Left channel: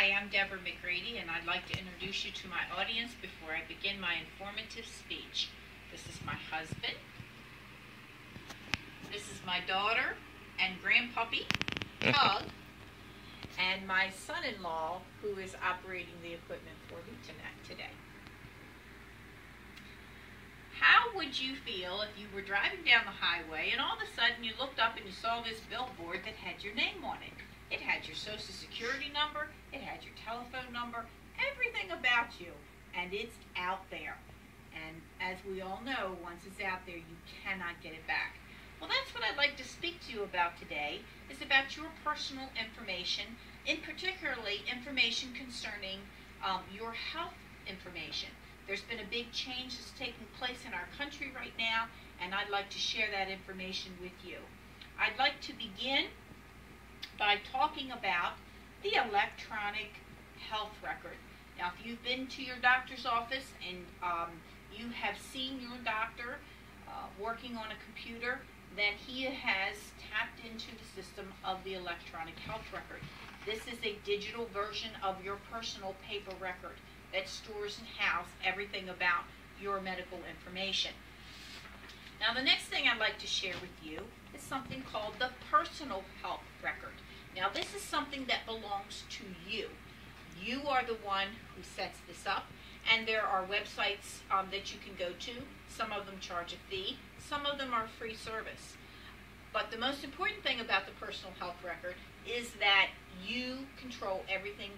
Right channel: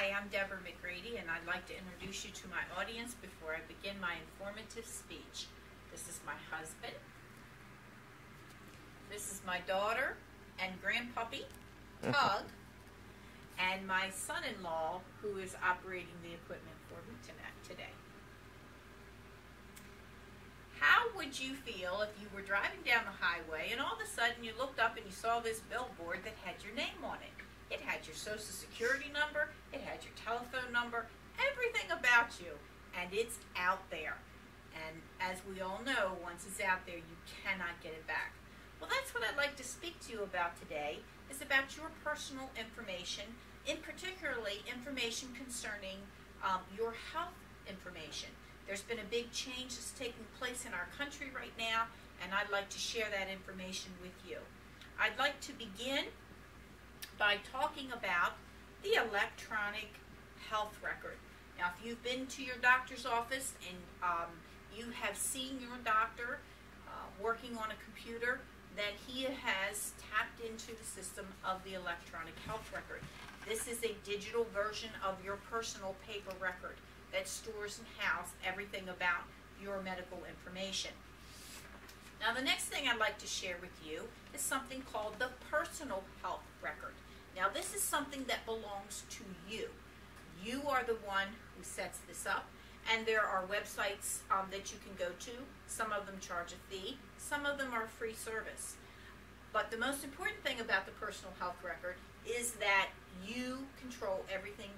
Hi, I'm Deborah McGrady, and I'd like to introduce you to my audience before I begin my informative speech. This is my husband. This is my daughter and grandpuppy, Tug, and my son-in-law, who is operating the equipment for me today. How would you feel if you were driving down the highway and all of a sudden you looked up and you saw this billboard that had your name on it? It had your social security number, it had your telephone number, everything about you, and it's out there. And as we all know, once it's out there, you cannot get it back. Well, that's what I'd like to speak to you about today, is about your personal information, in particularly information concerning your health information. There's been a big change that's taking place in our country right now, and I'd like to share that information with you. I'd like to begin by talking about the electronic health record. Now, if you've been to your doctor's office and you have seen your doctor working on a computer, then he has tapped into the system of the electronic health record. This is a digital version of your personal paper record that stores and houses everything about your medical information. Now, the next thing I'd like to share with you is something called the personal health record. Now, this is something that belongs to you. You are the one who sets this up, and there are websites that you can go to. Some of them charge a fee, some of them are free service. But the most important thing about the personal health record is that you control everything,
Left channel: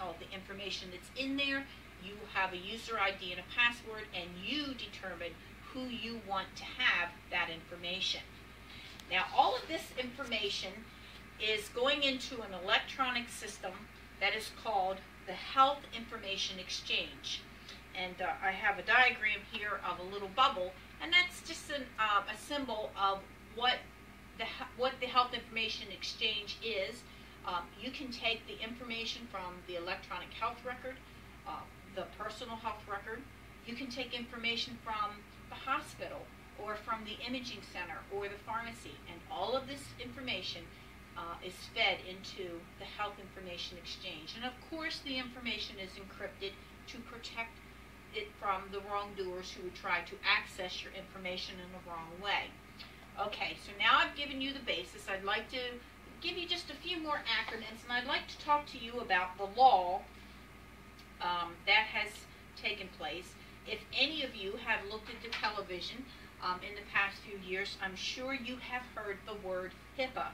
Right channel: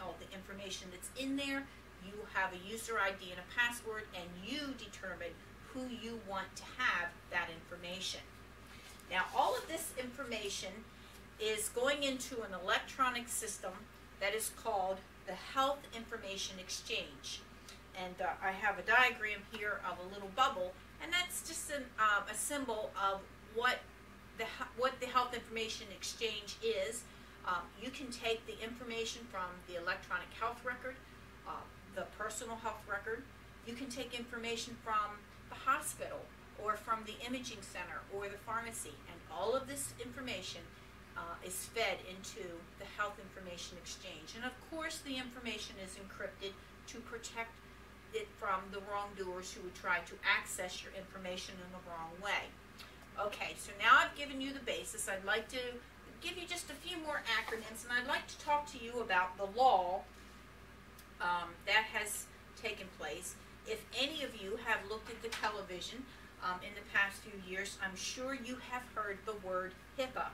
all the information that's in there. You have a user ID and a password, and you determine who you want to have that information. Now, all of this information is going into an electronic system that is called the Health Information Exchange. And I have a diagram here of a little bubble, and that's just a symbol of what the Health Information Exchange is. You can take the information from the electronic health record, the personal health record. You can take information from the hospital or from the imaging center or the pharmacy, and all of this information is fed into the Health Information Exchange. And of course, the information is encrypted to protect it from the wrongdoers who would try to access your information in the wrong way. Okay, so now I've given you the basis. I'd like to give you just a few more acronyms, and I'd like to talk to you about the law that has taken place. If any of you have looked at the television in the past few years, I'm sure you have heard the word HIPAA.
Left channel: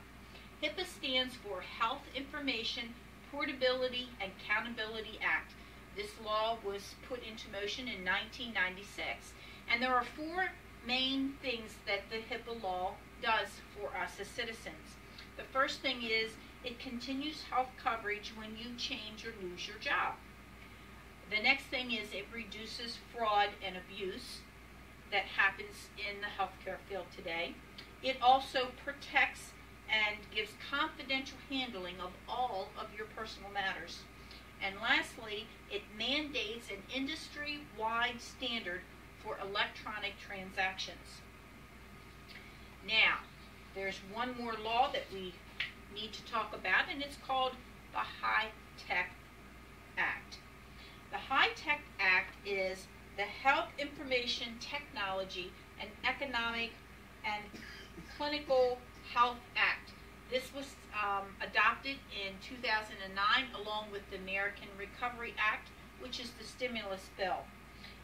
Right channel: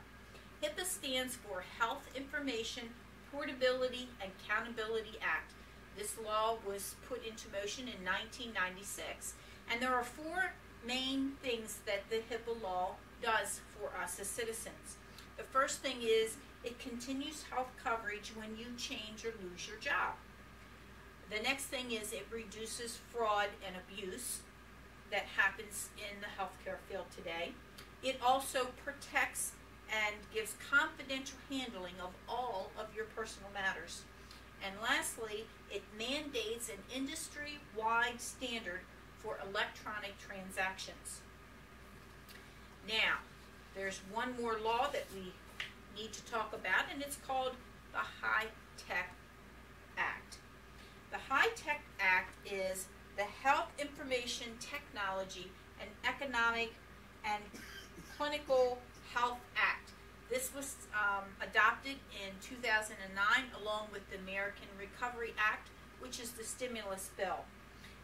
HIPAA stands for Health Information Portability and Accountability Act. This law was put into motion in 1996, and there are four main things that the HIPAA law does for us as citizens. The first thing is it continues health coverage when you change or lose your job. The next thing is it reduces fraud and abuse that happens in the healthcare field today. It also protects and gives confidential handling of all of your personal matters. And lastly, it mandates an industry-wide standard for electronic transactions. Now, there's one more law that we need to talk about, and it's called the High-Tech Act. The High-Tech Act is the Health Information Technology and Economic and Clinical Health Act. This was adopted in 2009 along with the American Recovery Act, which is the stimulus bill.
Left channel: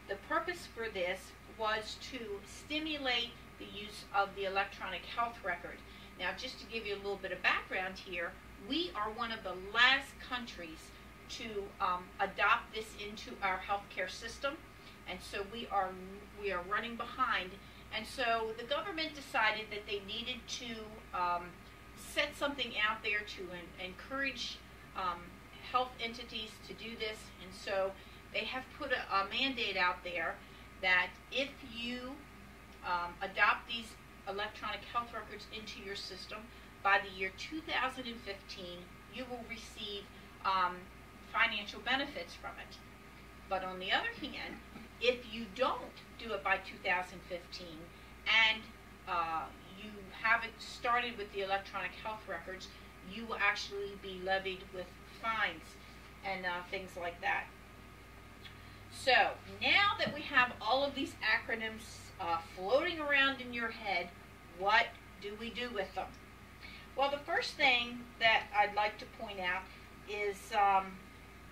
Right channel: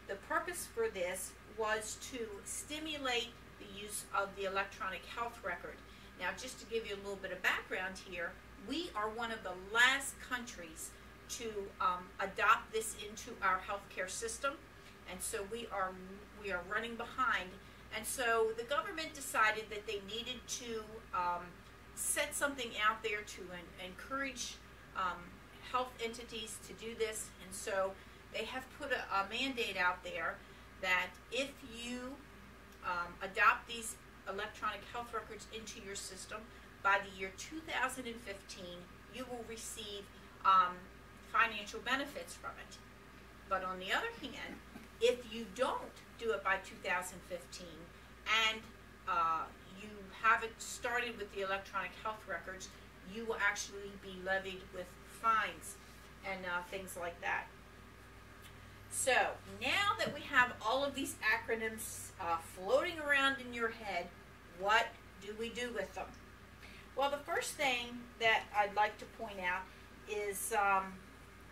The purpose for this was to stimulate the use of the electronic health record. Now, just to give you a little bit of background here, we are one of the last countries to adopt this into our healthcare system, and so we are running behind. And so the government decided that they needed to set something out there to encourage health entities to do this, and so they have put a mandate out there that if you adopt these electronic health records into your system, by the year 2015, you will receive financial benefits from it. But on the other hand, if you don't do it by 2015 and you haven't started with the electronic health records, you will actually be levied with fines. and things like that. So now that we have all of these acronyms floating around in your head, what do we do with them? Well, the first thing that I'd like to point out is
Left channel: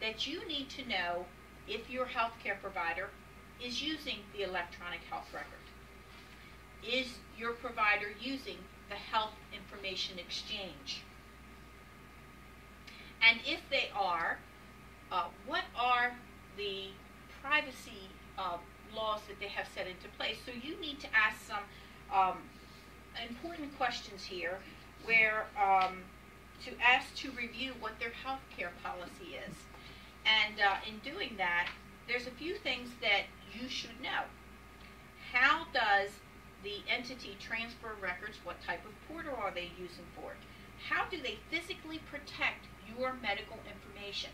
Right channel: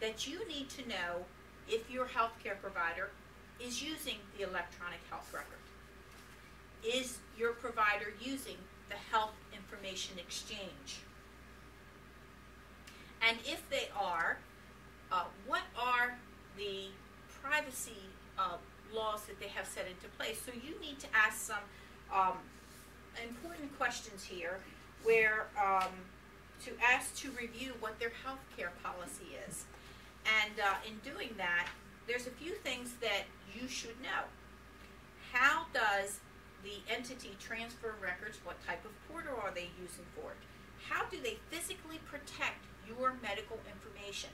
that you need to know if your healthcare provider is using the electronic health record. Is your provider using the Health Information Exchange? And if they are, what are the privacy laws that they have set into place? So you need to ask some important questions here where to ask to review what their healthcare policy is. And in doing that, there's a few things that you should know. How does the entity transfer records? What type of portal are they using for it? How do they physically protect your medical information,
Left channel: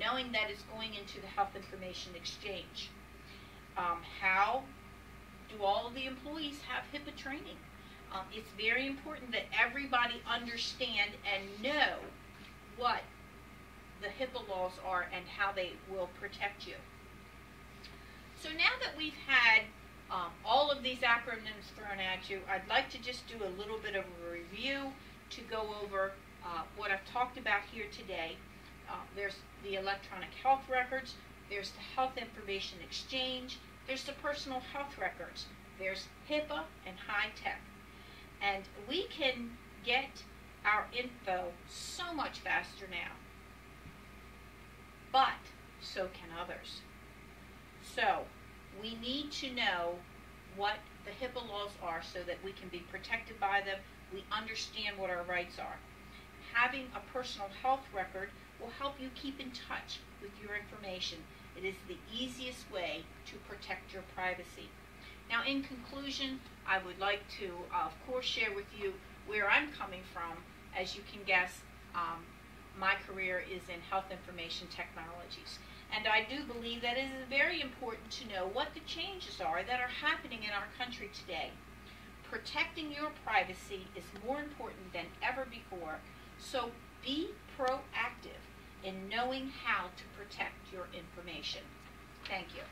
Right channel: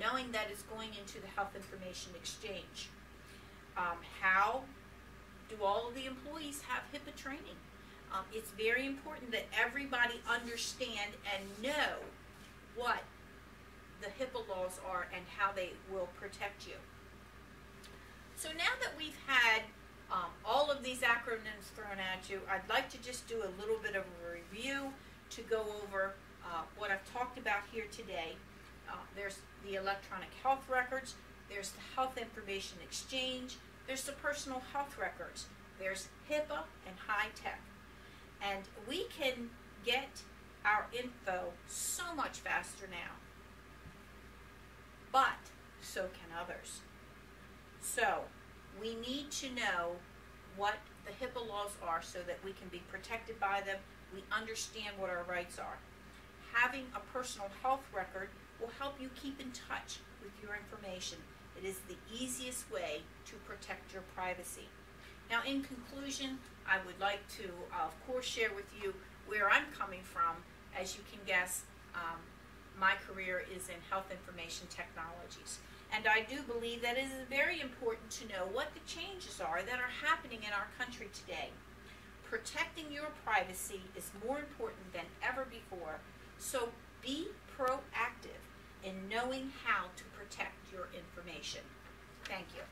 knowing that it's going into the Health Information Exchange? How do all of the employees have HIPAA training? It's very important that everybody understand and know what the HIPAA laws are and how they will protect you. So now that we've had all of these acronyms thrown at you, I'd like to just do a little bit of a review to go over what I've talked about here today. There's the electronic health records, there's the Health Information Exchange, there's the personal health records, there's HIPAA and high tech. And we can get our info so much faster now, but so can others. So we need to know what the HIPAA laws are so that we can be protected by them. We understand what our rights are. Having a personal health record will help you keep in touch with your information. It is the easiest way to protect your privacy. Now, in conclusion, I would like to, of course, share with you where I'm coming from. As you can guess, my career is in health information technologies. And I do believe that it is very important to know what the changes are that are happening in our country today. Protecting your privacy is more important than ever before, so be proactive in knowing how to protect your information. Thank you.